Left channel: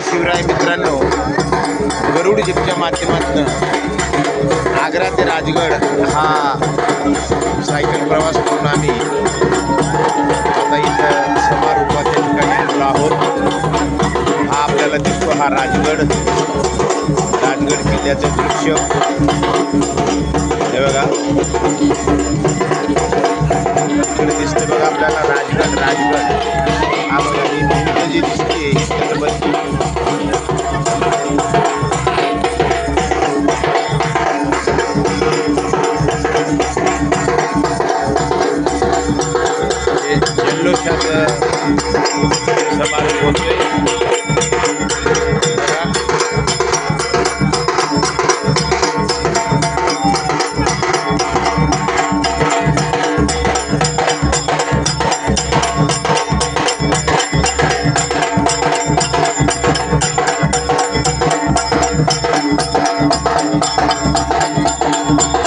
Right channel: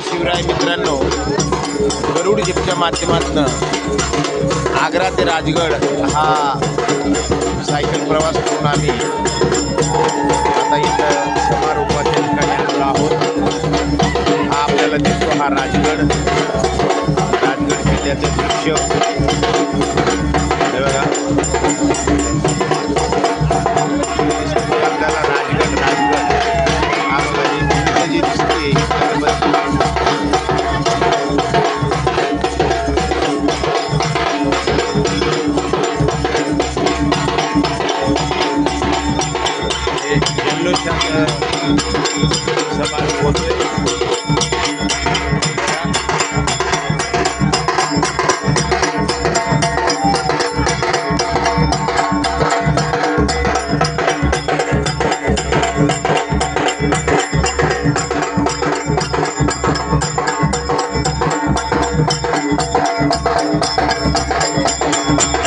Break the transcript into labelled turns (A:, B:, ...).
A: शिवराय मित्रांनो गरुड जिपच्या माध्यमातून आग्रा ते राजगड हा सायकल प्रवास करून आम्ही आता इथं समारोपाच्या ठिकाणी आलेलो आहोत. हा आपल्याला दिसतो हा राजगड. राजगड किल्ल्याचं दृश्य. हे बघा. इकडे दिसते बघा आपल्याला राजगड राजगड. हा बघा ही भिंत जी दिसते जल्लोषाचा समारोप होतोय Thank